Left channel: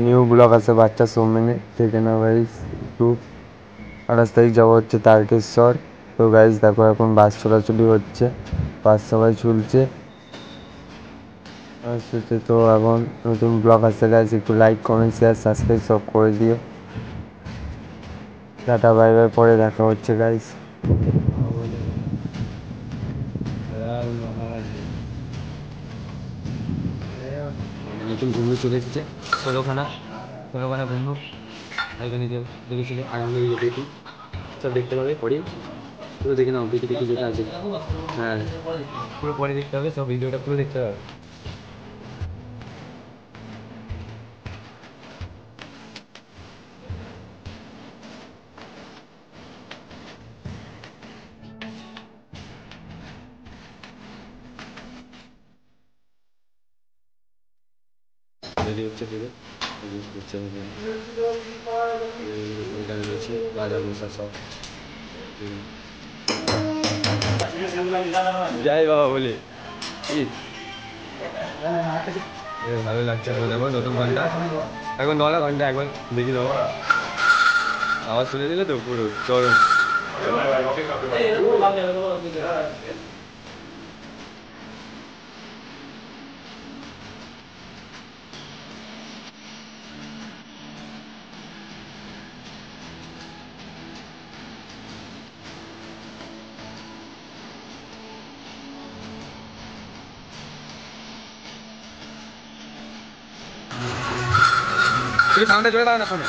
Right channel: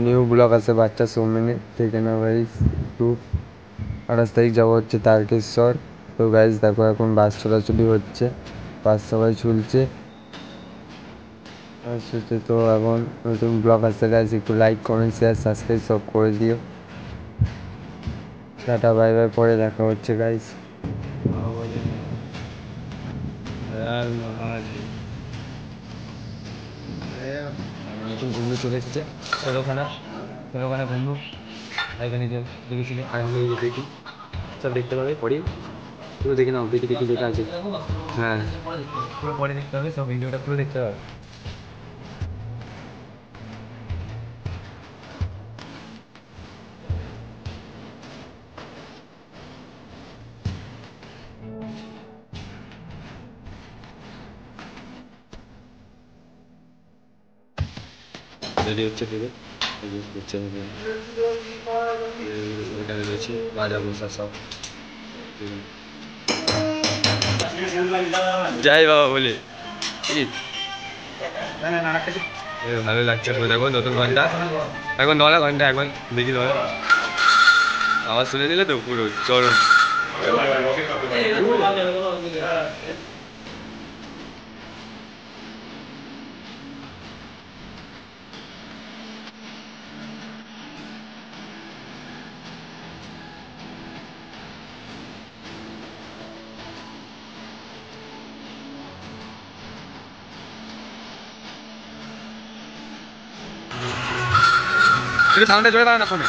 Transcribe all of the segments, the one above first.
New blog আছে বাচ্চা সৌমেনে থেকে না গাইস। একটু 28 তারিখ যাওয়া হচ্ছে তারকেশ্বর। তো গাইস দেখো এখন বাস চলাচলি হচ্ছে, বাস সবাই চলছে। তো এখন নতুন ব্লগ আসছে গাইস, একটু লাইক কমেন্ট শেয়ার সাবস্ক্রাইব সব করে দিও। টাটা বাই বাই, পরে দেখা হচ্ছে গাইস। নতুন বন্ধু চলে এসেছে, ষোলোখানা বন্ধু এখানে দেখেছিলে আনন্দ দেখি সব দেখতে পাবে পরে, পুরো দেখে নাও দেখি দেখি যেটা আছে। হ্যাঁ পুরো পরে দেখতে হবে, সব ভিডিওটা পুরো দেখতে হবে। রেডি হচ্ছে দেবে হচ্ছে এখানে রয়েছে রাজা বসা সব। যাই বাবা বলে ভালো লাগছে। দেখো নতুন ঘন্টা, এখন 9 ঘন্টা, এখন দেখি 9 আওয়াজ শুনে দিলে তো পুরো চরম। একটু সামনে চলে দাও না ফোনে।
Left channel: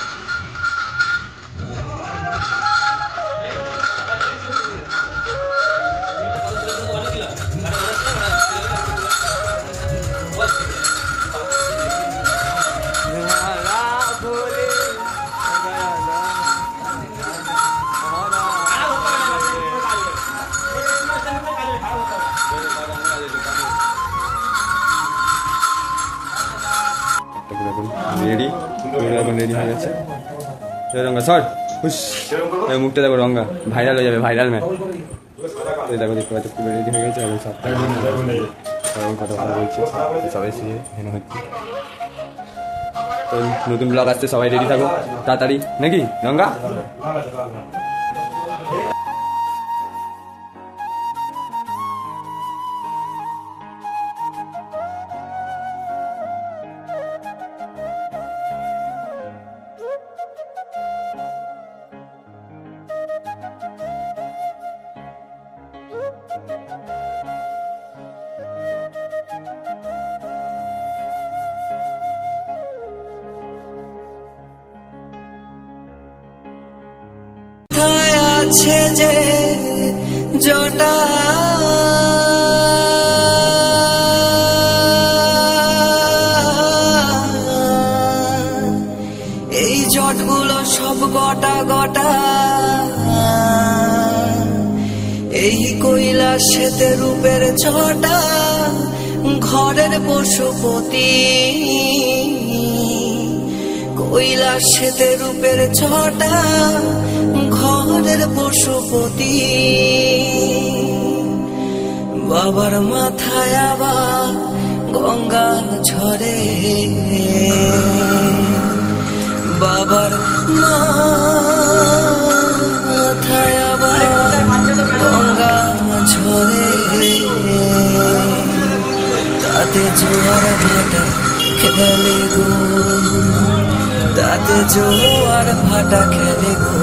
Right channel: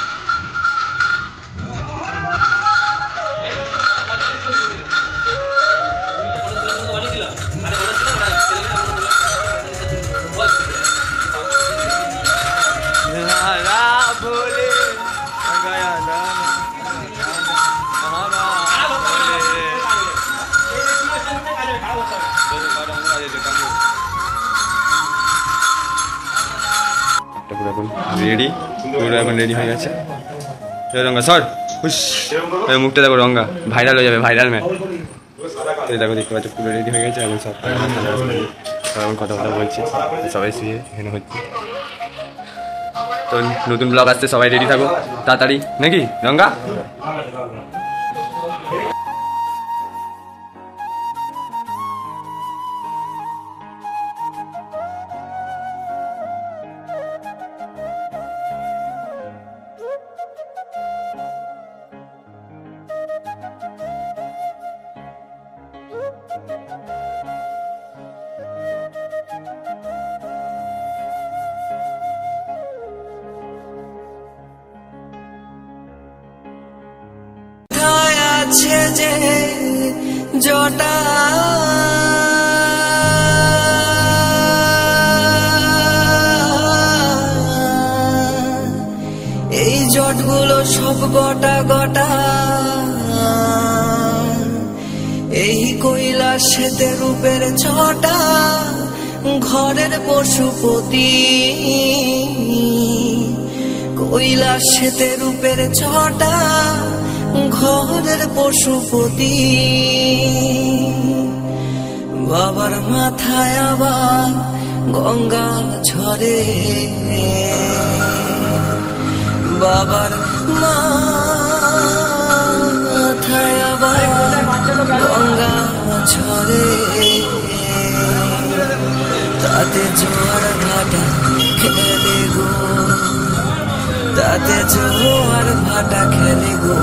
এখন রেডি, পুরো এখন রেডি হয়ে গেছে। রঙ্গা সর খুশ, মুখটা দেখো রঙ্গা ভাইরাল হয়ে যাবে, ভাইরাল ম্যান। তো দেখো দেখতে পাচ্ছ পুরো রেডি হয়ে গেছে এবং সব এখন কথা বলছে, সবাই শুয়ে এখানে হচ্ছে। তো নতুন ব্লগ আসছে, সবাই রেডি থাকো তাড়াতাড়ি, নাকি রঙ্গা? আছে যে জটা এই জটগুলো সব গোটা গোটা, এই কৈলাসেতে রূপের ছটা, ঘরের পশুপতি কৈলাসেতে রূপের ছটা, ঘরের পশুপতি। বাবার মাথায় আবার গঙ্গা ঝরে, বাবার মাথায় আবার গঙ্গা ঝরে, তাতে জোয়ার ভাটা খেলে গো, তাতে জোয়ার ভাটা খেলে গো।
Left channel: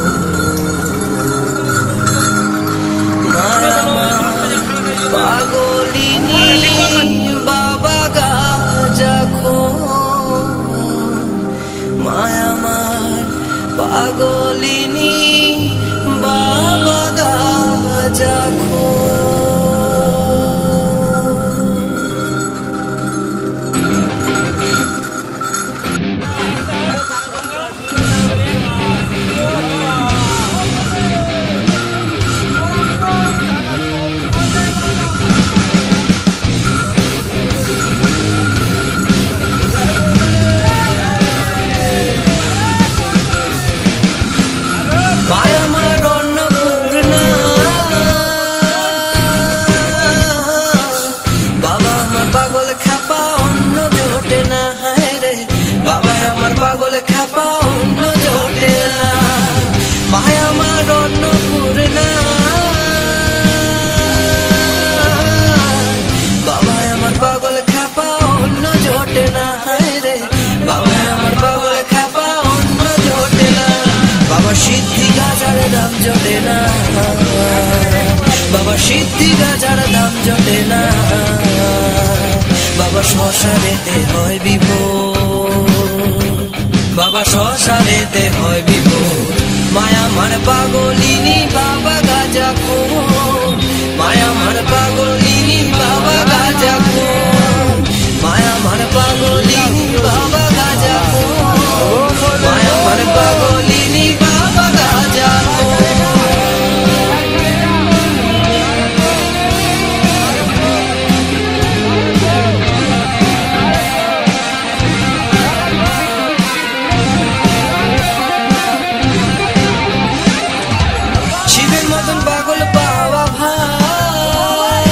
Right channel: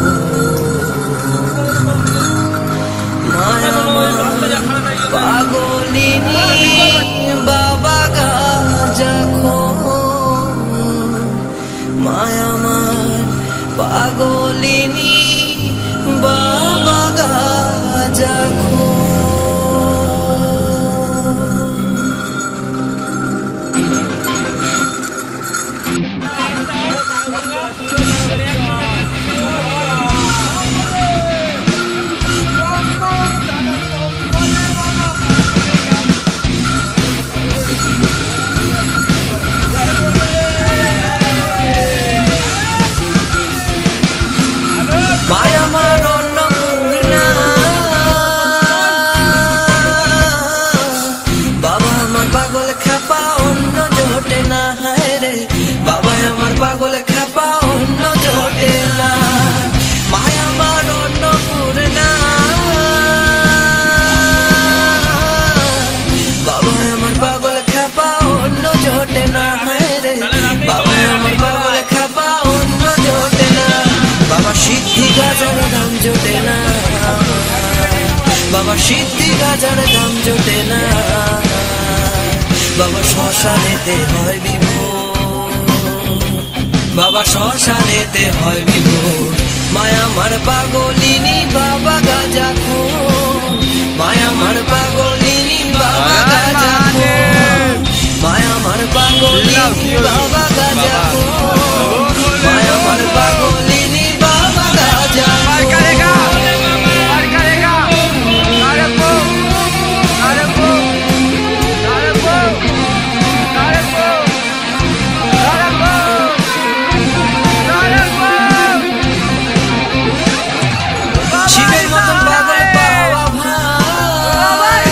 মায়ামার পাগলিনী বাবা গাজা খো, মায়ামার পাগলিনী বাবা গাজা খো। মায়ামার অন্নপূর্ণা পাগল খ্যাপা অন্য জোটে না, মায়া আমার অন্নপূর্ণা। বাবা আমার পাগল খ্যাপা অন্য জোটে না, হায় রে বাবা আমার পাগল খ্যাপা অন্য জোটে না। বাবা সিদ্ধি গাজার দাম জোটে না, বাবা সিদ্ধি গাজার দাম জোটে না। বাবা শ্মশানেতে হয় বিভোর, বাবা শ্মশানেতে হয় বিভোর। মায়া আমার পাগলিনী বাবা গাজা খোর, মায়া আমার পাগলিনী বাবা গাজা খোর, মায়া আমার পাগলিনী বাবা গাজা খোর, মায়া আমার পাগলিনী বাবা গাজা খোর। শিবের মতন পাগল পাওয়া ভাই,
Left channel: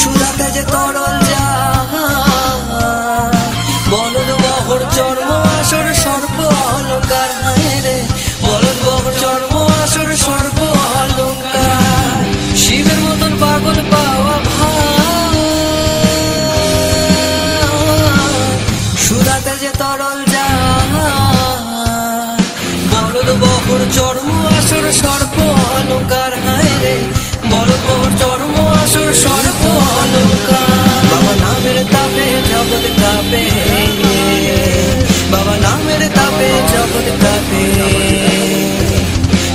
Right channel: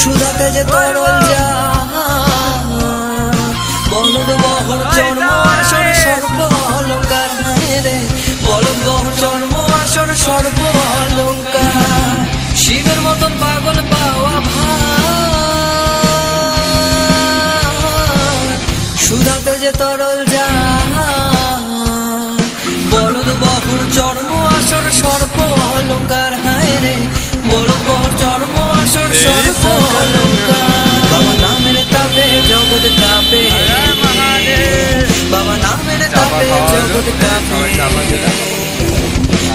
সুধাতে যে তরল যা, বলদ বহর চর্ম আসর সর্ব অলঙ্কার, হায় রে বলদ বহর চর্ম আসর সর্ব অলঙ্কার। শিবের মতন পাগল পাওয়া ভাই, সুধাতে যে তরল যা, বলদ বহর চর্ম আসর সর্প অলঙ্কার, হায় রে বলদ বহর চর্ম আসর সর্প অলঙ্কার। বাবা নামের তাপে জগৎ কাঁপে, বাবা নামের তাপে জগৎ কাঁপে।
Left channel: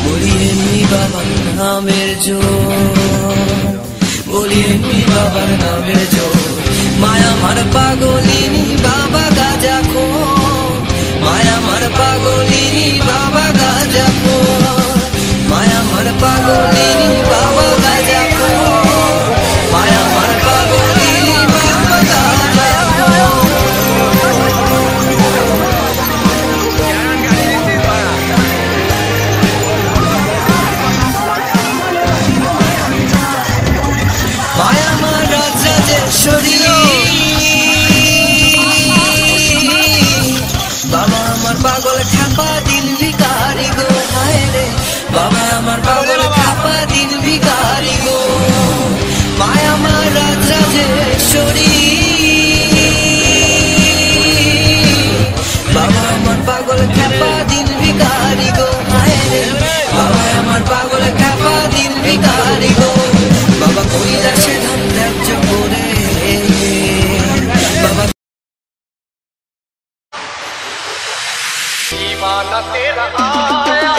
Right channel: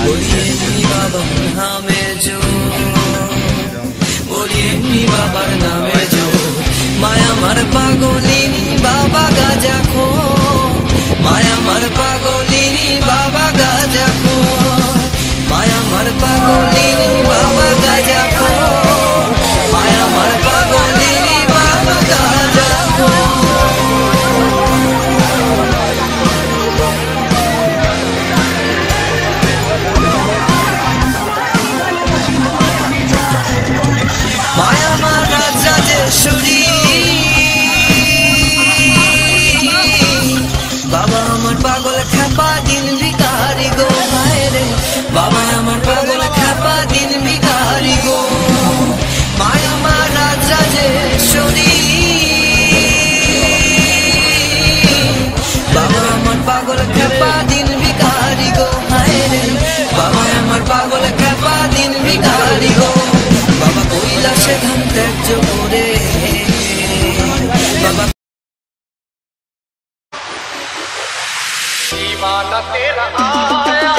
বলি এমনি বাবার নামের জোর, বলি এমনি বাবার নামের জোর। মায়া আমার পাগলিনী বাবা গাজা খোর, মায়া আমার পাগলিনী বাবা গাজা খোর, মায়া আমার পাগলিনী বাবা গাজা খোর, মায়া আমার পাগলিনী বাবা গাজা খোর। মায়া আমার রাজরাজেশ্বরী, বাবা আমার পাগল খ্যাপা দিন ভিখারি গো, হায় রে বাবা আমার পাগল খ্যাপা দিন ভিখারি গো। মায়া আমার রাজরাজেশ্বরী, বাবা আমার পাগল খ্যাপা দিন ভিখারি গো, হায় রে বাবা আমার পাগল খ্যাপা দিন ভিখারি গো। বাবা কৈলাসে ধাম ত্যায্য করে, বাবা दीवाना तेरा आया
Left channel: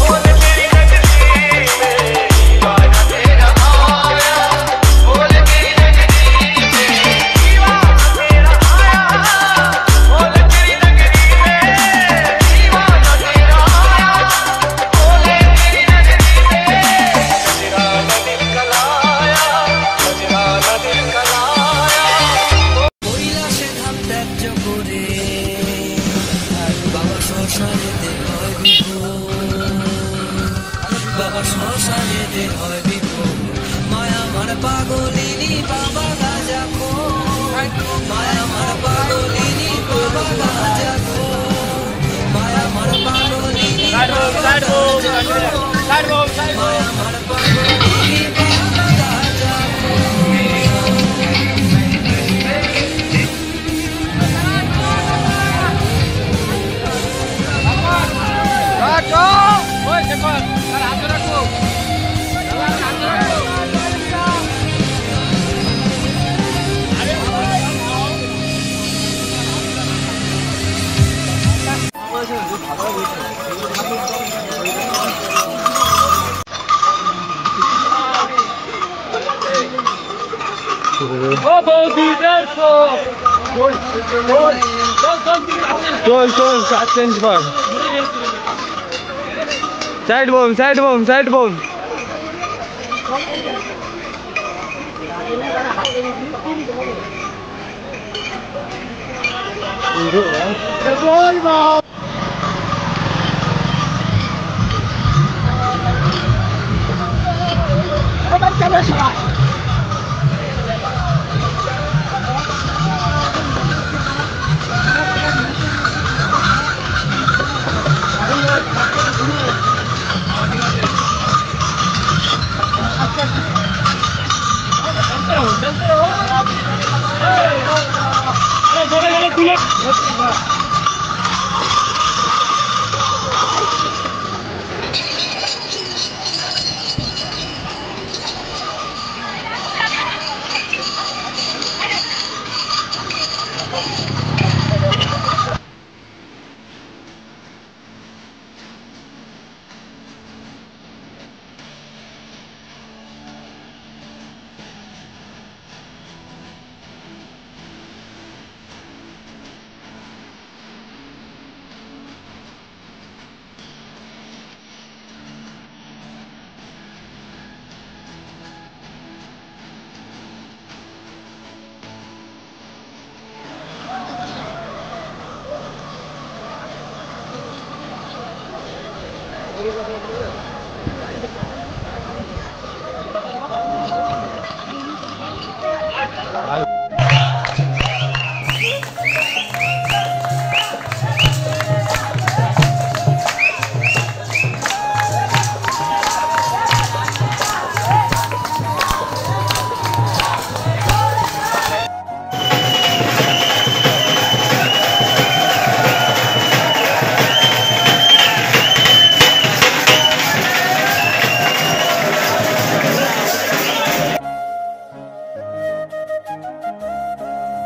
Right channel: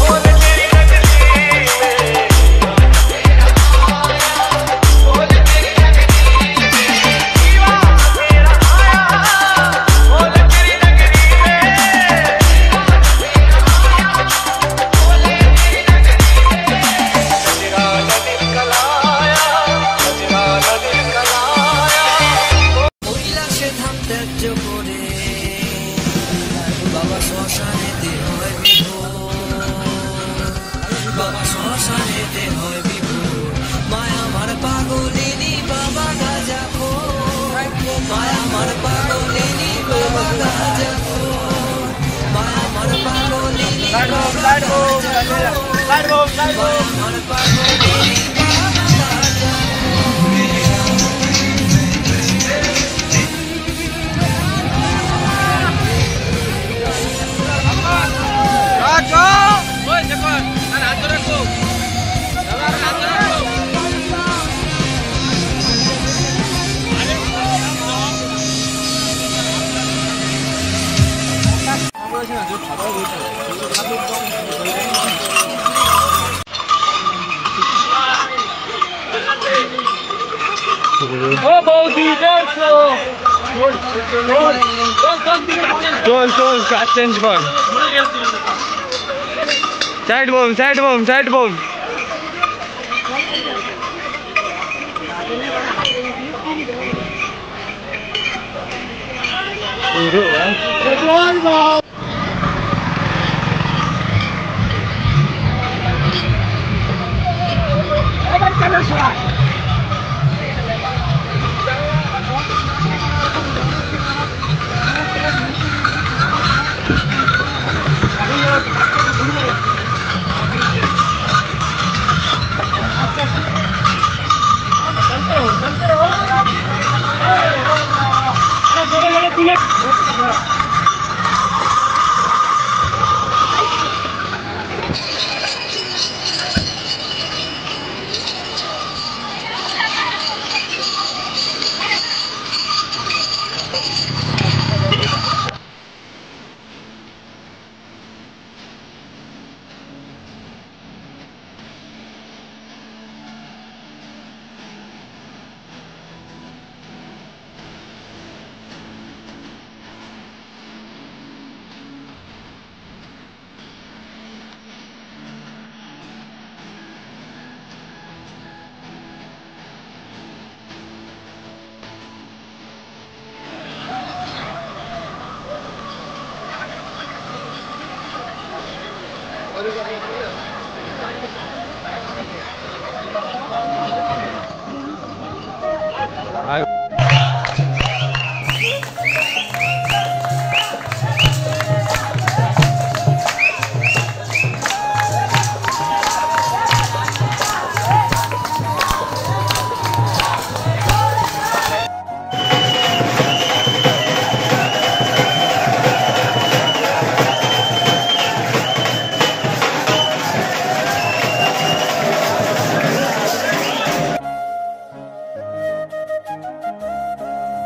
बोल मेरी नगरी में, दीवाना तेरा आया बोल मेरी नगरी में, दीवाना तेरा आया बोल मेरी नगरी में, दीवाना तेरा आया बोल मेरी नगरी में। नजराना दिल कलाया, नजराना दिल कलाया। কৈলাসে ধাম ত্যায্য করে, বাবা শ্মশানেতে হয় বিভোর, বাবা শ্মশানেতে হয় বিভোর। মায়া আমার পাগলিনী বাবা গাজা খোর, মায়া আমার পাগলিনী বাবা গাজা খোর, মায়া আমার পাগলিনী বাবা গাজা খোর, মায়া আমার পাগলিনী বাবা গাজা খোর। চল চল কাজ চেঞ্জ কর, side bomb side bomb side bomb. है